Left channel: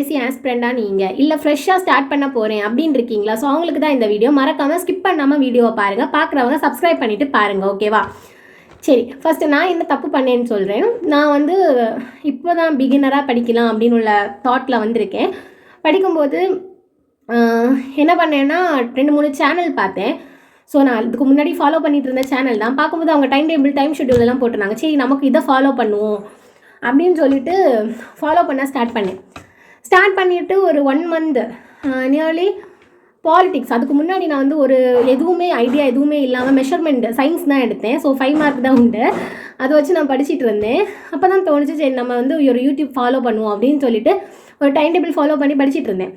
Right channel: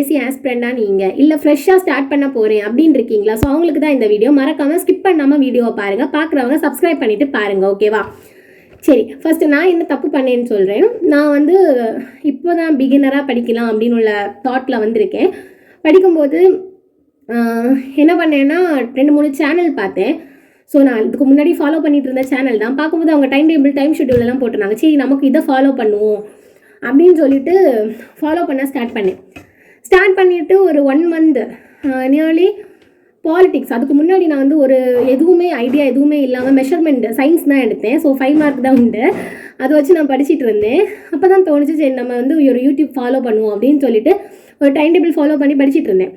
TNPSC ஆஸ்பிரண்டாக நீங்கள் இல்லை ஃப்ரெஷ்ஷாக ஸ்டார்ட் பண்ண போகிறேன் அப்படின்னு இருக்கீங்களா? ஸோ அவங்களுக்கு தான் இந்த வீடியோ. மறக்காமல் ஸ்கிப் பண்ணாமல் வீடியோவை பாருங்கள். பார்க்குறவங்க சப்ஸ்கிரைப் பண்ணிவிட்டு பாருங்கள், ஓகேவா? சரி, ஃபஸ்ட்டு நான் என்ன தப்பு பண்ணேன்னு சொல்கிறேன். நான் வந்து இப்போ தான் பிகினராக படிக்கலாம் அப்படின்னு உள்ள தாட்டில் வந்திருக்கேன். படிக்கும்போது என்ன பண்ணேன்னா 2-3 சேனல் பார்த்தேன். ஸோ நான் இதுக்கு முன்னாடி ஃபாலோ பண்ணிட்டு இருந்த சேனல் தான். பார்க்கும்போது அவங்க டைம் ஷெட்யூல் எல்லாம் போட்டிருந்தாங்க. சரி, நமக்கு இதை ஃபாலோ பண்ணுவோம் அப்படின்னு சொல்லிட்டு ஃபாலோ பண்ண ஸ்டார்ட் பண்ணிவிட்டு ஒரு 1 மந்த் நியர்லி பாலிட்டிக்ஸ். அதுக்கு முன்னாடி நான் வந்து ஒரு ஐடியா எதுவுமே இல்லாமல் மெஷர்மெண்ட் சயின்ஸ் தான் எடுத்தேன். ஸோ 5 மார்க் தான் உண்டு. அதை வச்சு நான் படிச்சுட்டு இருந்தேன். அப்போ தான் தோணுச்சு, சரி நம்ம வந்து ஒரு யூடியூப் ஃபாலோ பண்ணுவோம் அப்படின்னு சொல்லிட்டு ஒரு டைம் டேபிள் ஃபாலோ பண்ணி படிச்சுட்டு இருந்தேன்.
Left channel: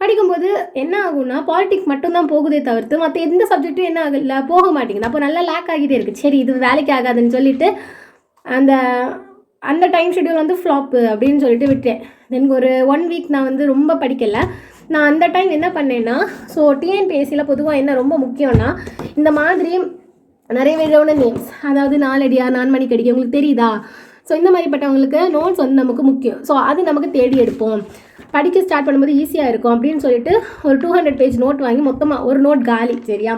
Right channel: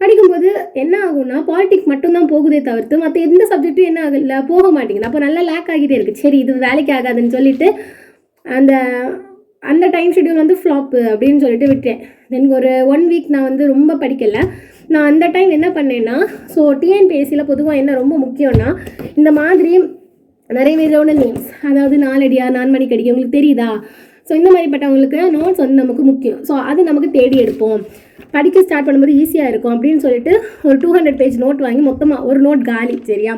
படிக்கும்போது என்ன ஆகும்னா, பாலிட்டிக்ஸ் மட்டும்தான் போகுதே தவிர்த்து மற்ற எந்த சப்ஜெக்ட்டும் என்ன ஆகல, போக மாட்டேங்குது. அப்போ நல்லா லேக் ஆகிட்டே இருக்குது. சரி, இது வேலைக்கு ஆகாதுன்னு சொல்லிட்டு அந்த டைம் ஷெட்யூல் வந்து ஃப்ளாப்பு அப்படின்னு சொல்லிட்டு விட்டேன். தென் ஒரு 1 வீக் நான் வந்து ரொம்ப படிக்கலை. நான் அந்த டைம் என்ன பண்ணேன்னா, ஸோ டிஎன்பிஎஸ்சியில் பொதுவாக என்ன ரொம்ப முக்கியம்னா, இந்த மாதிரி நிறைய விதமான நேம்ஸ், அதாவது நாலடியா 4 மணிக்கு அடிக்க உங்களுக்கு தெரியுதா? ஸோ இந்த மாதிரிப்பட்டவங்களுக்கு நோட்ஸ் வந்து நமக்கு முக்கியம். ஸோ அது நமக்கு தேடி எடுப்போம். படிக்க ஸ்டார்ட் பண்ணும்போது ஈஸியாக இருக்கும் அப்படின்னு சொல்லிட்டு ஒரு 200 பேஜ் நோட் வாங்கி மொத்தமாக ஒரு நோட் காலி. சரியா?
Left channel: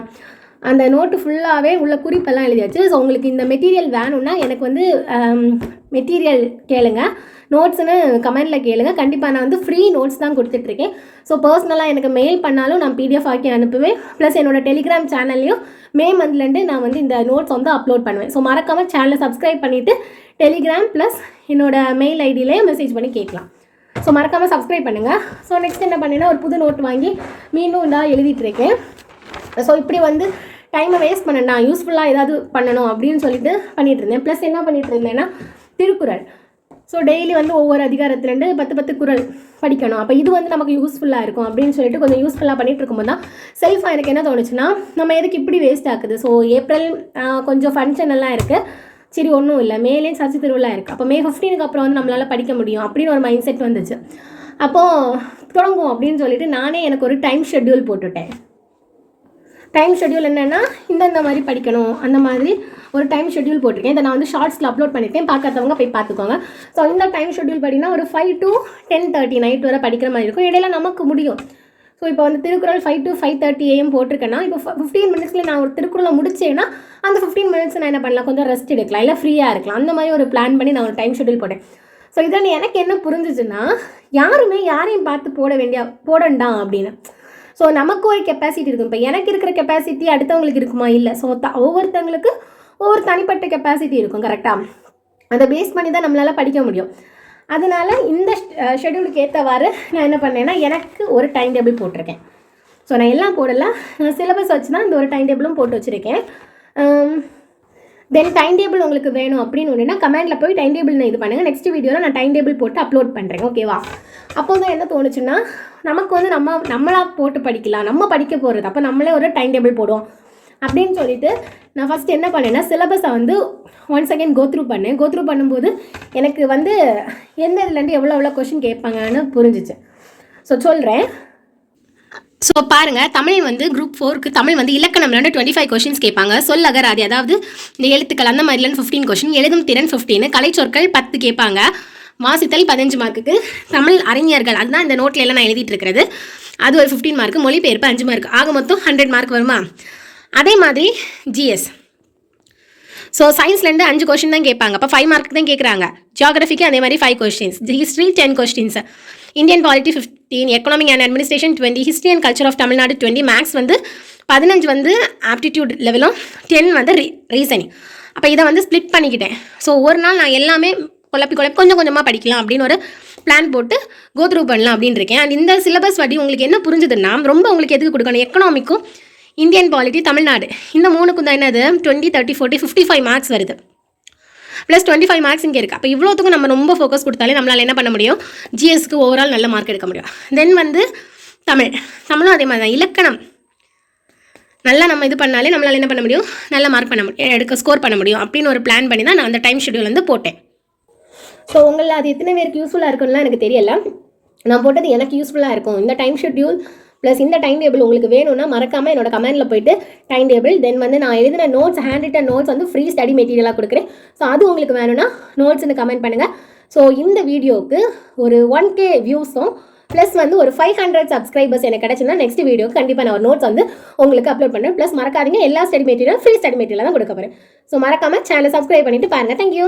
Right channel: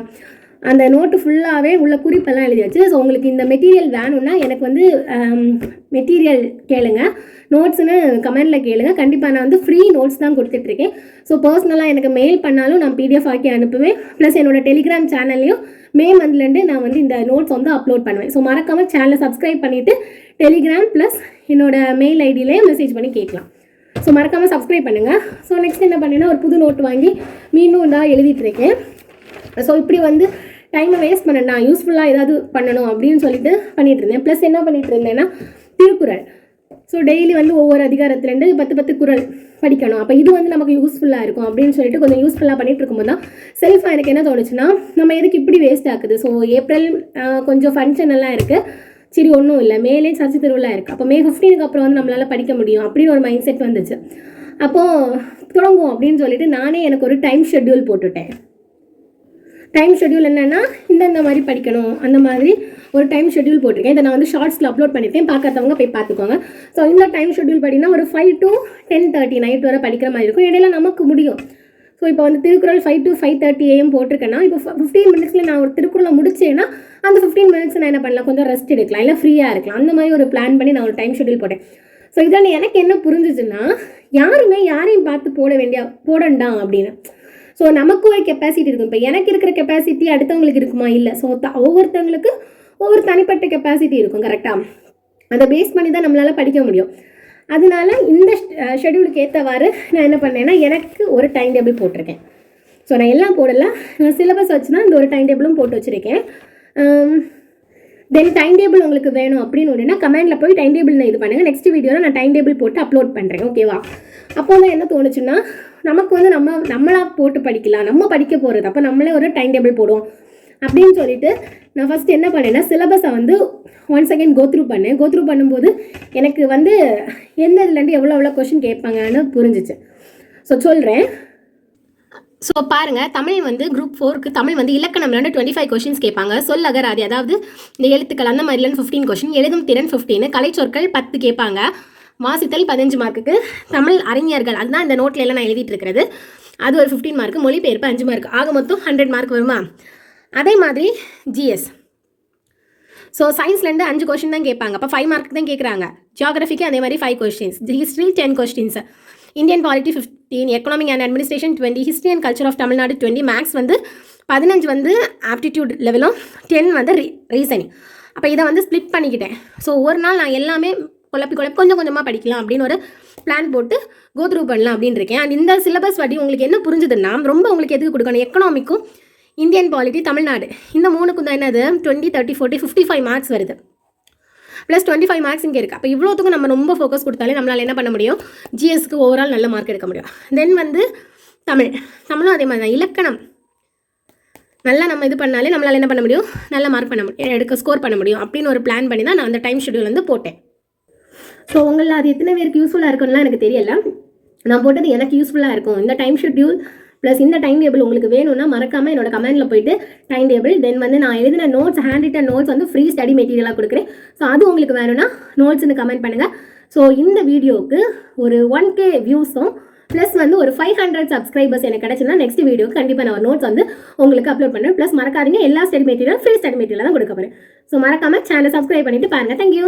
அந்த நோட்டு ஃபுல்லாகவே உள்ள குறிப்பெல்லாம் எழுதியாச்சு. ஸோ உங்களுக்கு இந்த மெட்டீரியல் வேணும்னா எனக்கு வந்து மெட்டீரியல் கேளுங்க, நோட்ஸ்னு கமெண்டில் கேளுங்க. கண்டிப்பாக நான் வந்து ஃப்ரீ நோட்ஸ் தான் கொடுத்துட்ருக்கேன். ஸோ பர்சனலாக எனக்கு மெயில் பண்ணாலும் நான் பிடிஎஃப் ஆக்கி அனுப்புவேன். ப்ளஸ் என்னோடய டெலிகிராம் சேனல்லையும் மே மந்த்லேருந்து நான் வந்து இந்த நோட்ஸ் வந்து அப்லோட் பண்ணுவேன். ஸோ மறக்காமல் சேனலை சப்ஸ்கிரைப் பண்ணிவிட்டு டெலிகிராம் ப்ளஸ் என்னோடய மெயில் ஐடியிலே மெசேஜ் பண்ணி கேட்கலாம். ஸோ மறக்காமல் சப்ஸ்கிரைப் பண்ணுங்கள். ஸோ நெக்ஸ்ட் என்ன பண்ணேன்னா, ஒரு புது நோட்டு வாங்கி மீண்டும் இதாக எழுதிட்டுருக்கேன். ஸோ இப்படி வந்து டைமை வேஸ்ட் பண்ணேன், நான் யூஸ்ஃபுல்லாக ஏதாவது பண்ணணும் அப்படின்னு சொல்லிட்டு பண்ணிகிட்டு இருந்தேன். ப்ளஸ் என்ன பண்ணிகிட்டு இருந்தேன்னா, திருக்குறள். ஸோ டெய்லி வந்து ஒவ்வொரு அதிகாரத்துலேருந்து 10 குறள் படிக்கணும். அப்போ இது வந்து நமக்கு யூஸ்ஃபுல்லாக இருக்கும் அப்படின்னு சொல்லிட்டு கொஞ்சம் யூஸ்ஃபுல்லாக பண்ணிகிட்டு இருக்கும்போது தான் செல்ஃபாக எனக்கு என்ன தோணுச்சுன்னா, நம்ம எதுக்கு இப்படி வேஸ்ட் ஆகுது? ஸோ ஏப்ரல் கொஞ்சம் ஃபங்க்ஷன் எல்லாம் இருக்குது. சரி, ஒன்றும் இல்லை, மேலே சர்ச்சை திருவிழா இருக்குது. அப்போ மே 15க்கு அப்புறம் வந்து நம்மளால் படிக்க முடியும் அப்படின்னு ஒரு மைண்ட் செட் வந்துச்சு. அப்போது தொடங்குவோம் அப்படின்னு சொல்லிட்டு நானே எனக்கு ஒரு டைம் ஷெட்யூல் போட்டுட்டேன். டைம் ஷெட்யூல் என்னென்னா, இந்த மாதிரி படிக்கணும் அந்த மாதிரி ஒரு டைம் ஷெட்யூல் போட்டிருக்கேன். இதை நான் வந்து ஷார்ட்ஸில் அப்லோட் பண்ணியிருக்கேன், பார்க்காதவங்க போய் பார்த்துக்கோங்க. ஸோ இந்த டைம் ஷெட்யூல் படினா ஒரு 5 to 10:30 நைட் வரை படிக்கிற மாதிரி இருக்கும். இடையில நமக்கு முடியும். ஸோ இப்போ வந்து திருக்குறள் 5 to 5:30 AM போட்டிருக்கேன்னா, இப்போ 15 மினிட்ஸில் நான் ஒரு திருக்குறளை முடிச்சேன்னா அந்த 15 மினிட்ஸ் நான் என்ன பண்ணலாம், கொஞ்சம் ரெஸ்ட் எடுக்கலாம், இல்லை ஃப்ரீயாக இருக்கலாம். அந்த மாதிரி ஒரு பிளான் பண்ணி நான் ஒரு டைம் ஷெட்யூல் போட்டேன். ஸோ இதில் எனக்கு என்ன புரிஞ்சிச்சுன்னா, யாரையும் பார்த்து போடண்டாம் அப்படின்னு. ஸோ நமக்கு ஒரு கெப்பாசிட்டி இருக்கும். இப்போ எனக்கு இருக்கிற கெப்பாசிட்டி அடுத்தவங்களுக்கு இருக்குமா? இல்லை. ஸோ ஒவ்வொருத்தவங்களுக்கு ஒவ்வொரு தனிப்பட்ட கெப்பாசிட்டி இருக்கும். கரெக்டாக அதை பேஸ் பண்ணி தான் நம்மளால் படிக்க முடியும். அதனால் இந்த ஷெட்யூலுக்கு ஏற்றவாறு நான் என்ன பண்ணேன்னா, எனக்கு ஒரு டைம் டேபிள் போட்டிருக்கேன். ஸோ நான் எல்லாம் போடலாம், நான் சிலபஸ் வச்சு தான் இந்த ஒரு டைம் டேபிளும் போட்டு வச்சுருக்கேன். தென் டைம் டேபிள் உங்களுக்கு வேணும் அப்படின்னு ஒன்றுனா கமெண்டில் போய் டைம் டேபிள் இது பண்ணுங்கள். நெக்ஸ்ட் வீடியோவில் நான் டைம் டேபிள் போட்டு அப்லோட் பண்ணுறேன், ஓகேவா? அப்போ தான் என்ன தோணுச்சுன்னா, நமக்கு வந்து நம்மளாக போட்டு படிக்கலாம், நம்ம படிக்க போகிறது. அப்போ நம்மளே ஒரு டைம் டேபிள் போடுவோம் அப்படின்னு சொல்லிட்டு நான் ஃபஸ்ட்டு என்ன பண்ணேன்னா, சிலபஸை வந்து ஒன்ஸ் அகெயின் கோத்ரூ பண்ணும்போது எனக்கு வந்து எந்த இதுலேருந்து எவ்வளோ கொஷின் கேட்பாங்கன்னு புரிஞ்சிச்சு. ஸோ சொல்கிறேன். ஸோ பாருங்கள், தமிழ் வந்து குரூப் 4க்கு தமிழ் வந்து இலக்கணம்லேருந்து 25 கொஷின்ஸ் கேட்பாங்க. சொல்லகராதி, அதாவது இந்த எழுத்துக்கள் அந்த மாதிரிலேருந்து 15 கொஷின், எழுதும் திறன் 15, கலைச்சொற்கள் 10 கேட்பாங்க, வாசித்தல் 15 மார்க்குக்கு, தமிழ் அறிஞர்கள் அதுதான் இந்த நோட்டில் எல்லாம் நான் எழுதிட்டு இருக்கிறது, அது ஒரு 15 மார்க்கு, மொழிபெயர்ப்பு 5 மார்க், ஆக மொத்தம் 100 மார்க் வருமா? அதே மாதிரி ஜிஎஸ். ஸோ சயின்ஸ்லேருந்து 5 கொஷின் தான் கேட்பாங்க, அப்போ 5 மார்க் தான் கேட்குறாங்க. ஜியாகிரஃபிக்கு அதே மாதிரி 5 questions, history 10 questions, Indian polity 15, economic and administration 20, history and culture of Tamil Nadu 20, maths வந்து 15 வந்து ஆப்டிடியூட் லெவலும் 10 வந்து ரீசனிங். அப்போ இதை வந்து ஸ்ப்ளிட் பண்ணிக்கிட்டேன். ஸோ ஒரு நாள் நான் எல்லாமே குழப்பி கொஞ்சம் கொஞ்சமாக படிக்கலாம் அப்படின்னு ஒரு பிளான் போட்டு கோத்ரூ பண்ணலாம் அப்படின்னு இருக்கேன். அண்ட் இந்த சிலபஸ் படி உங்களுக்கு என்ன புரிஞ்சுதுன்னா, ரொம்ப உங்களுக்கு எதுக்கு கொடுக்கணும், எக்கனாமிக்கும் இந்தியன் பாலிட்டி தமிழ்நாடு இந்த 3க்கும் தான் என்னது 20, 30, 40, 55 மார்க்ஸ் வருது. ப்ளஸ் 25 மார்க்ஸ் இங்கே இருக்குது. அப்போ இவ்வளோத்துக்கும் நம்ம ரொம்ப ஃபோக்கஸ் கொடுத்தாலே நம்மளால் என்ன பண்ண முடியும், ஜிஎஸ்க்கு ஓவரால் நல்ல மார்க் எடுக்க முடியும். தென் வந்து தமிழும் அதே மாதிரி தான், இலக்கணம் நல்லா நம்ம இது பண்ணாலே நம்மளால் என்ன பண்ண முடியும், நல்ல மார்க் ஸ்கோர் பண்ண முடியும் அப்படின்னு ஒரு பிளான் பண்ணி தான் நான் அந்த டைம் ஷெட்யூல் வந்து போட்டேன். ஸோ உங்களில் அது எத்தனை பேருக்கு யூஸ்ஃபுல்லாக இருக்கும்லாம் எனக்கு தெரியல. நான் போட்டது எனக்கு யூஸ்ஃபுல்லாக இருக்கும். இந்த டைம் ஷெட்யூல் ப்ளஸ் இந்த டைம் டேபிள் உங்களுக்கு வேணும்னா மறக்காமல் என்னோட கமெண்டில் போய்ட்டு டைம் டேபிள், தென் வந்து நான் எழுதின நோட்ஸ், ஹேண்ட் ரிட்டன் நோட்ஸ் வந்து ஃப்ரீ ஸ்டடி மெட்டீரியலாக கொடுக்குறேன். ஸோ அது உங்களுக்கு வேணும்னா நோட்ஸ்னு கமெண்ட் பண்ணுங்கள். ஸோ இந்த வீடியோவுக்கு ஒரு 1K வியூஸும் ப்ளஸ் வந்து ஒரு 500 சப்ஸ்கிரைபர்ஸ் எனக்கு கிடச்சுன்னா நெக்ஸ்ட் வீடியோ கண்டிப்பாக நான் ஒரு நோட்ஸ் வந்து உங்களுக்கு அப்லோட் பண்ணுறேன். ப்ளஸ் மறக்காதீங்க, எல்லா ஸ்டடி மெட்டீரியலும் ஃப்ரீ ஸ்டடி மெட்டீரியல் தான் கொடுக்க போகிறேன். ஸோ மறக்காமல் சேனலை சப்ஸ்கிரைப் பண்ணிட்டு பாருங்கள். தேங்க்யூ.